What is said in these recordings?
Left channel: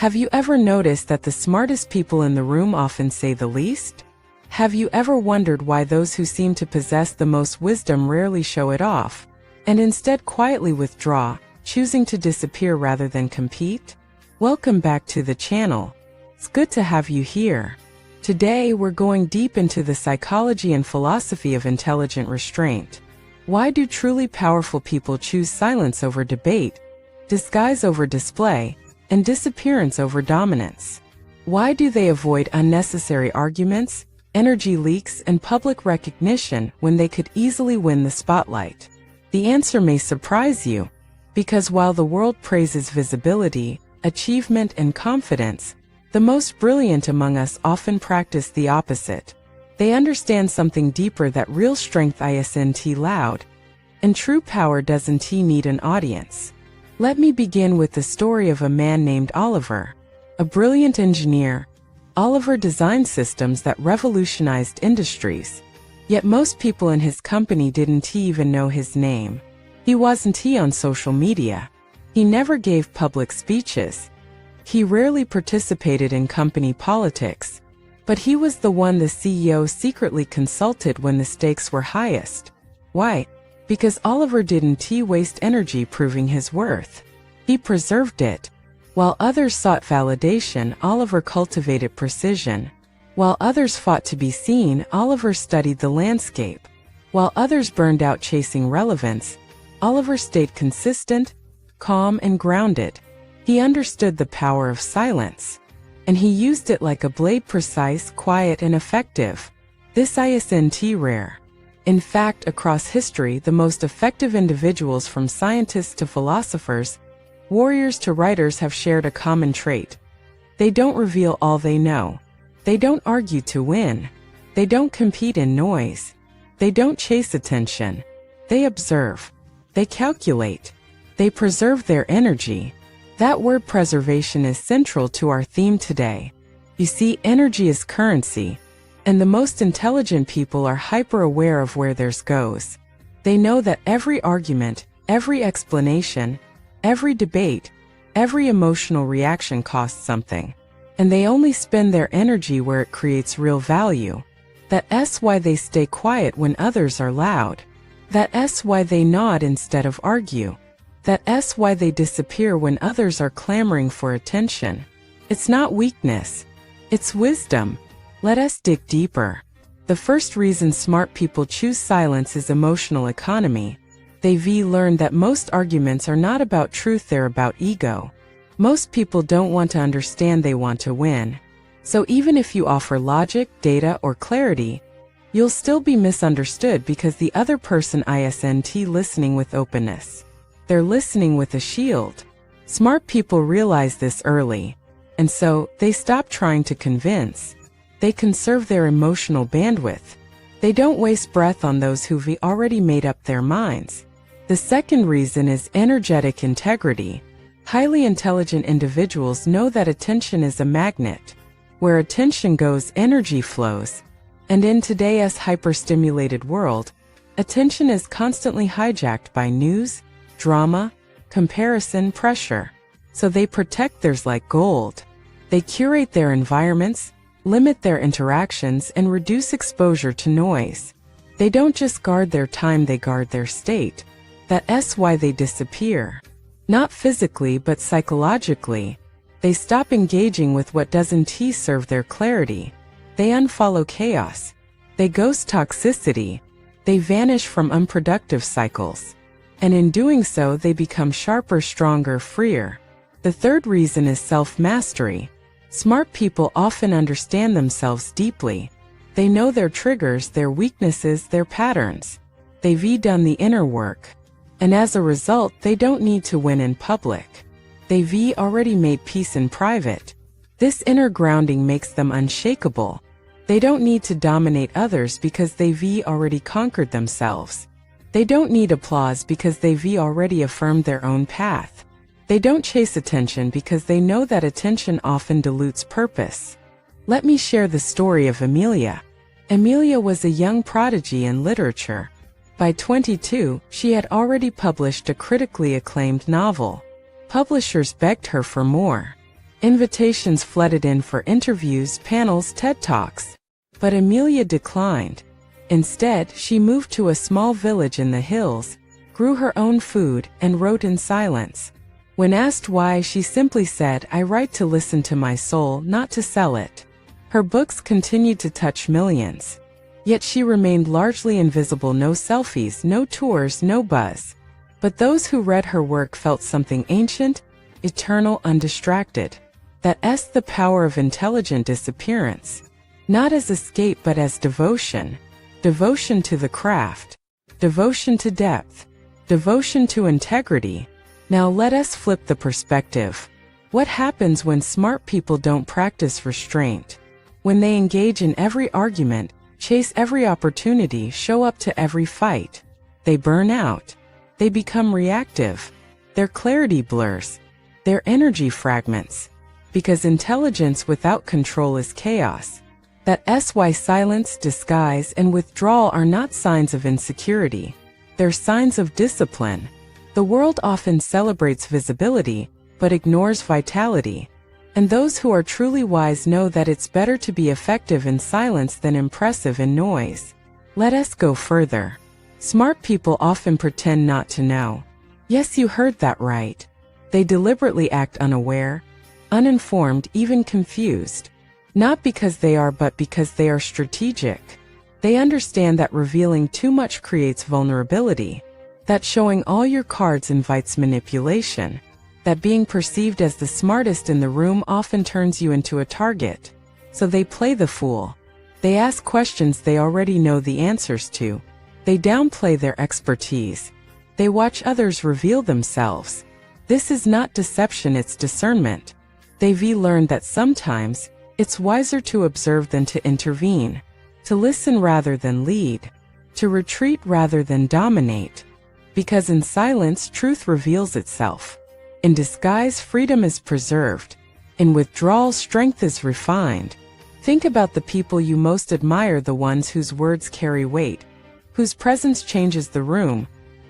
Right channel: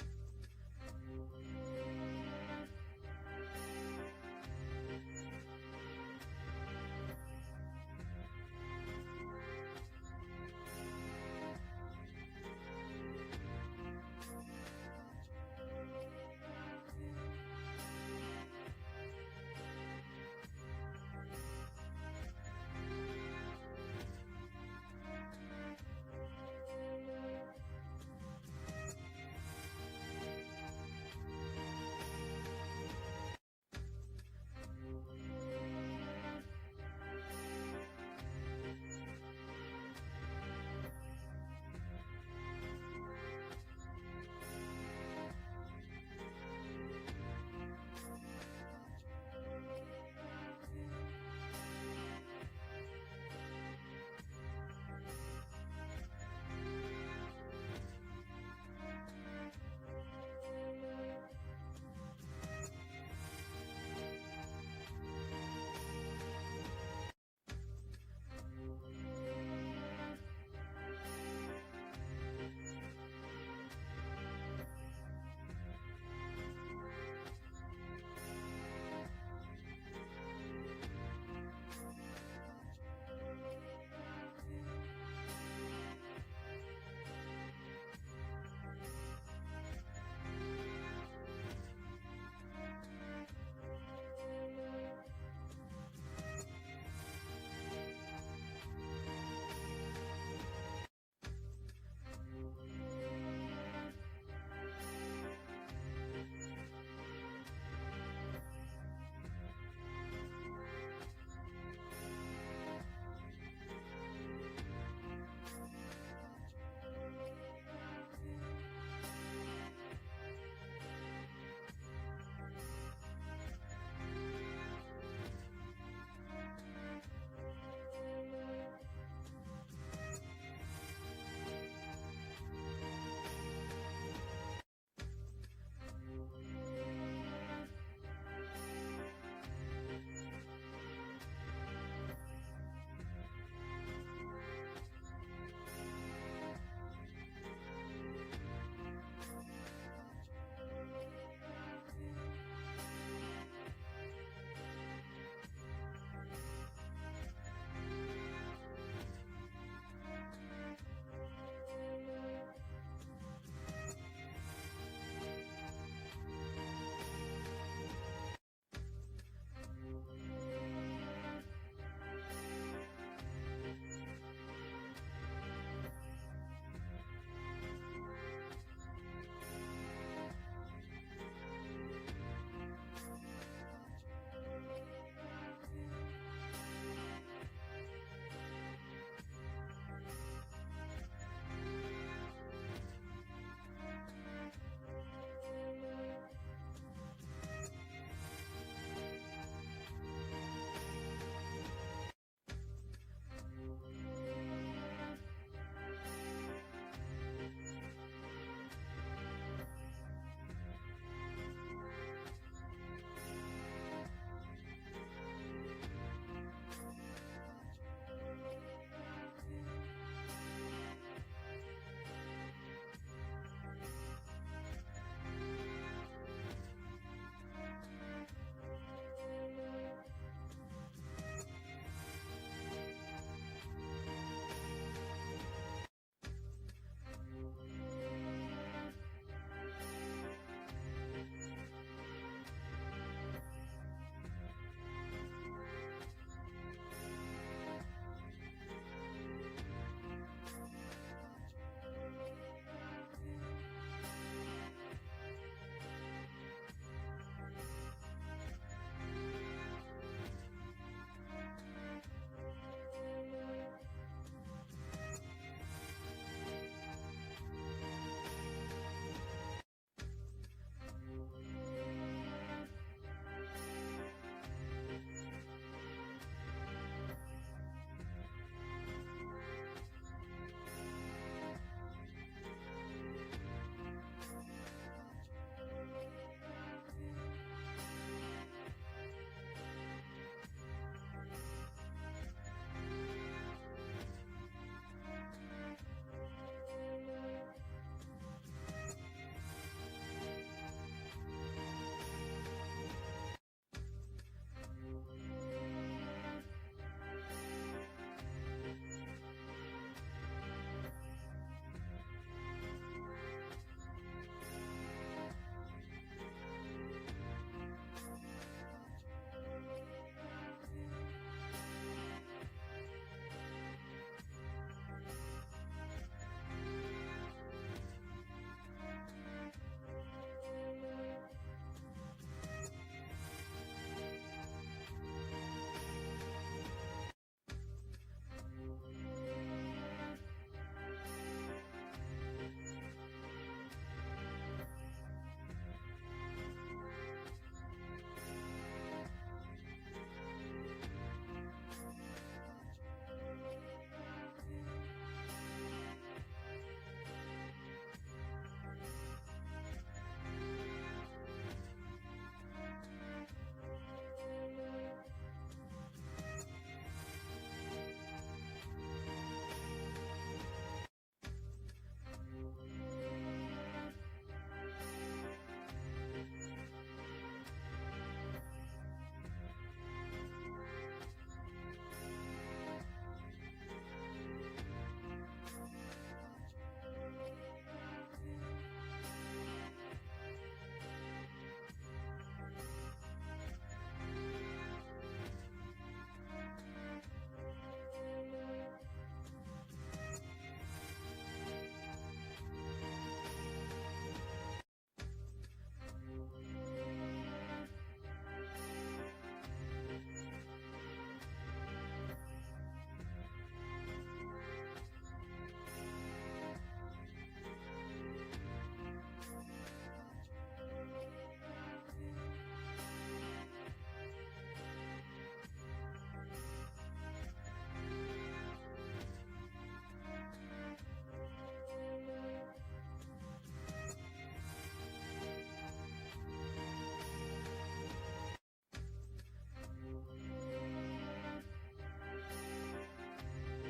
Have you ever noticed that the smartest people in the room often say the least? Have you ever wondered why those who seem to possess the most wisdom rarely show it off, and instead quietly withdraw, choosing to disappear rather than compete? Welcome back to the channel. It's good to have you here. Today we're going deep into the psychology and philosophy of intelligent restraint. Why do truly powerful people choose silence over debate, disguise over display, and disappearance over dominance? Why do they avoid unnecessary arguments, energy leaks, and public recognition when they could easily win the spotlight? The answer may surprise you, because while the world praises visibility, achievement, and confidence, the most brilliant among us often practice the opposite. They understand something deeper, that real strength isn't loud, and true power doesn't need an audience. Let me begin with the story of a man named Oliver, a brilliant engineer. Oliver designed systems that revolutionized industries, yet most people in his company didn't even know his name. He wasn't on social media. He never gave public speeches. He rarely participated in company politics, but he was the one the CEO secretly consulted when the stakes were highest. Why? Because Oliver didn't waste energy proving his worth. He preserved it. While others sought validation, Oliver cultivated precision. While others fought to be seen, Oliver studied the landscape. While others burned out chasing relevance, Oliver stayed consistent, calm, and grounded. He understood the power of silence, and he used it like a blade, precise, quiet, and effective. This isn't rare. In fact, across history, the most effective individuals, from scientists to philosophers, warriors to writers, have shared a common trait. They don't reveal all they know. They don't argue to win. They don't compete in noise. They don't chase attention. They observe. They calculate. They preserve their energy. That word preservation is central to our theme today. You see, energy is currency, and the most intelligent people are hyper-aware of where theirs goes. They know that every argument, every explanation, every debate, every emotional reaction costs something, and they only spend their energy where it creates real value. That's why they stay quiet when others are loud. That's why they nod instead of argue. That's why they disappear when others are clamoring for attention. It's not weakness. It's wisdom. Let us dig deeper. The first reason smart people choose silence is emotional economy. They've learned that most arguments are not about truth, they're about ego. Most people don't want to understand, they want to win. So even if you offer logic, data, or clarity, you'll still be misunderstood because the other person isn't listening with openness. They're listening with a shield. Smart people realize this early, and so they stop trying to convince. They conserve their emotional bandwidth. They don't waste breath on those who've already made up their minds. The second reason is energetic integrity. Highly intelligent individuals know that attention is a magnet. Where attention goes, energy flows. And in today's hyper-stimulated world, attention is constantly hijacked by news, drama, comparison, pressure. So they protect theirs like gold. They curate their environments, limit their interactions, and reduce exposure to noise. They don't just guard their time, they guard their state. That's why they disappear. Not physically, but psychologically. They stop engaging with what doesn't serve their clarity. They unfollow chaos. They ghost toxicity. They vanish from unproductive cycles. And in doing so, they become sharper, stronger, freer. The third reason is self-mastery. Smart people often understand themselves deeply. They know their triggers, their weaknesses, their patterns. They've done the inner work. And as a result, they don't need to win in public. They've already made peace in private. This inner grounding makes them unshakable. They don't need to dominate others because they've already conquered themselves. They don't need applause because they've already affirmed their own path. They don't chase attention because they know that attention often dilutes purpose. Let me share the story of Amelia. Amelia was a young prodigy in literature. By 22, she had already published a critically acclaimed novel. Publishers begged her for more. Invitations flooded in for interviews, panels, TED Talks. But Amelia declined. Instead, she moved to a small village in the hills, grew her own food, and wrote in silence. When asked why, she simply said, "I write to listen to my soul, not to sell it." Her books continued to touch millions. Yet she remained largely invisible. No selfies, no tours, no buzz. But those who read her work felt something ancient, eternal, undistracted. That's the power of intelligent disappearance. Not as escape but as devotion. Devotion to the craft. Devotion to depth. Devotion to integrity. Now let us flip the perspective. What happens when smart people don't practice restraint? When they engage in every argument, chase every opportunity, show up to every fight? They burn out. They become reactive. Their clarity blurs. Their energy fragments. Because intelligence without control is chaos. That's why silence, disguise, and withdrawal are not signs of insecurity. They're signs of discipline. The world often celebrates visibility, but ignores vitality. And those who are truly wise know that it's better to be effective in silence than impressive in noise. Let us go further. Smart people often pretend not to know. Yes, you heard that right. They deliberately act unaware, uninformed, even confused. Not because they are, but because they are strategic. They understand that revealing too much creates vulnerability, that showing all your cards invites manipulation, that being perceived as the smartest in the room often turns you into a target. So they play the fool. They ask questions they already know the answers to. They downplay their expertise. They watch others reveal themselves. This is not deception, it's discernment. They've learned that sometimes, it's wiser to observe than to intervene, to listen rather than lead, to retreat rather than dominate. Because in silence, truth reveals itself. In disguise, freedom is preserved. In withdrawal, strength is refined. Think about the people you most admire, the ones whose words carry weight, whose presence changes the room,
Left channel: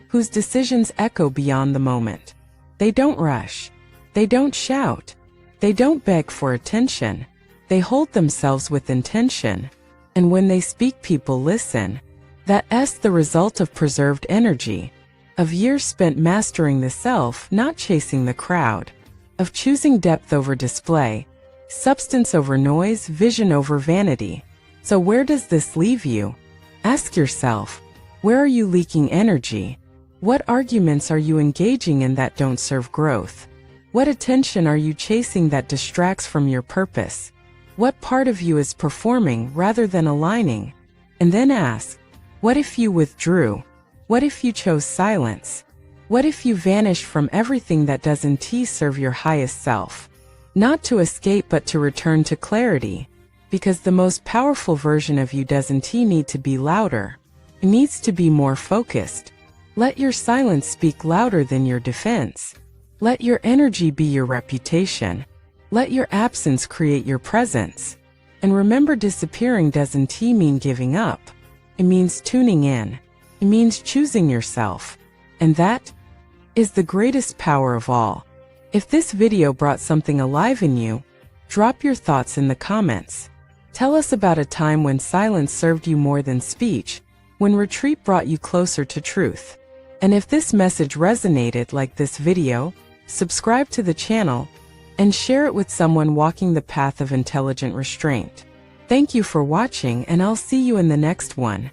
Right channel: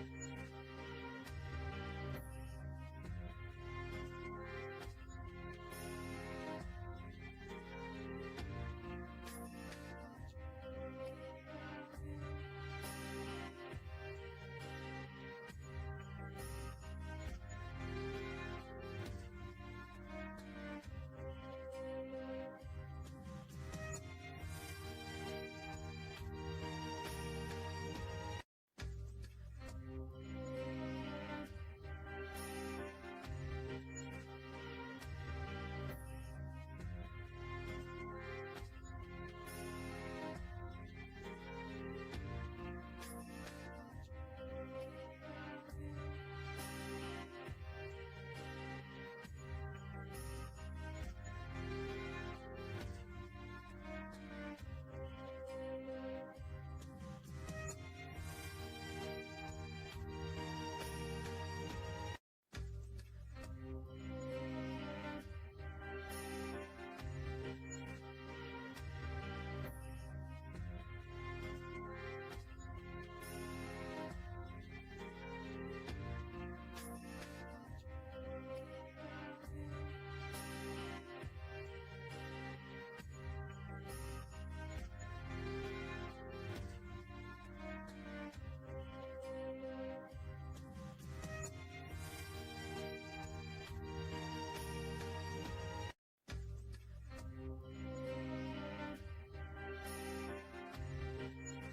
whose decisions echo beyond the moment. They don't rush. They don't shout. They don't beg for attention. They hold themselves with intention. And when they speak, people listen. That's the result of preserved energy, of years spent mastering the self, not chasing the crowd, of choosing depth over display, substance over noise, vision over vanity. So where does this leave you? Ask yourself, where are you leaking energy? What arguments are you engaging in that don't serve growth? What attention are you chasing that distracts from your purpose? What part of you is performing rather than aligning? And then ask, what if you withdrew? What if you chose silence? What if you vanished from everything that doesn't serve your highest self? Not to escape but to return to clarity. Because the most powerful version of you doesn't need to be louder. It needs to be more focused. Let your silence speak louder than your defense. Let your energy be your reputation. Let your absence create your presence. And remember, disappearing doesn't mean giving up. It means tuning in. It means choosing yourself. And that is the greatest power of all. If this video brought something alive in you, drop your thoughts in the comments. Tell us about a time when silence served you more than speech, when retreat brought you closer to truth. And if this message resonated like this video, subscribe to the channel and share it with someone walking the path of intelligent restraint. Thank you for watching, and I'll see you in the next one.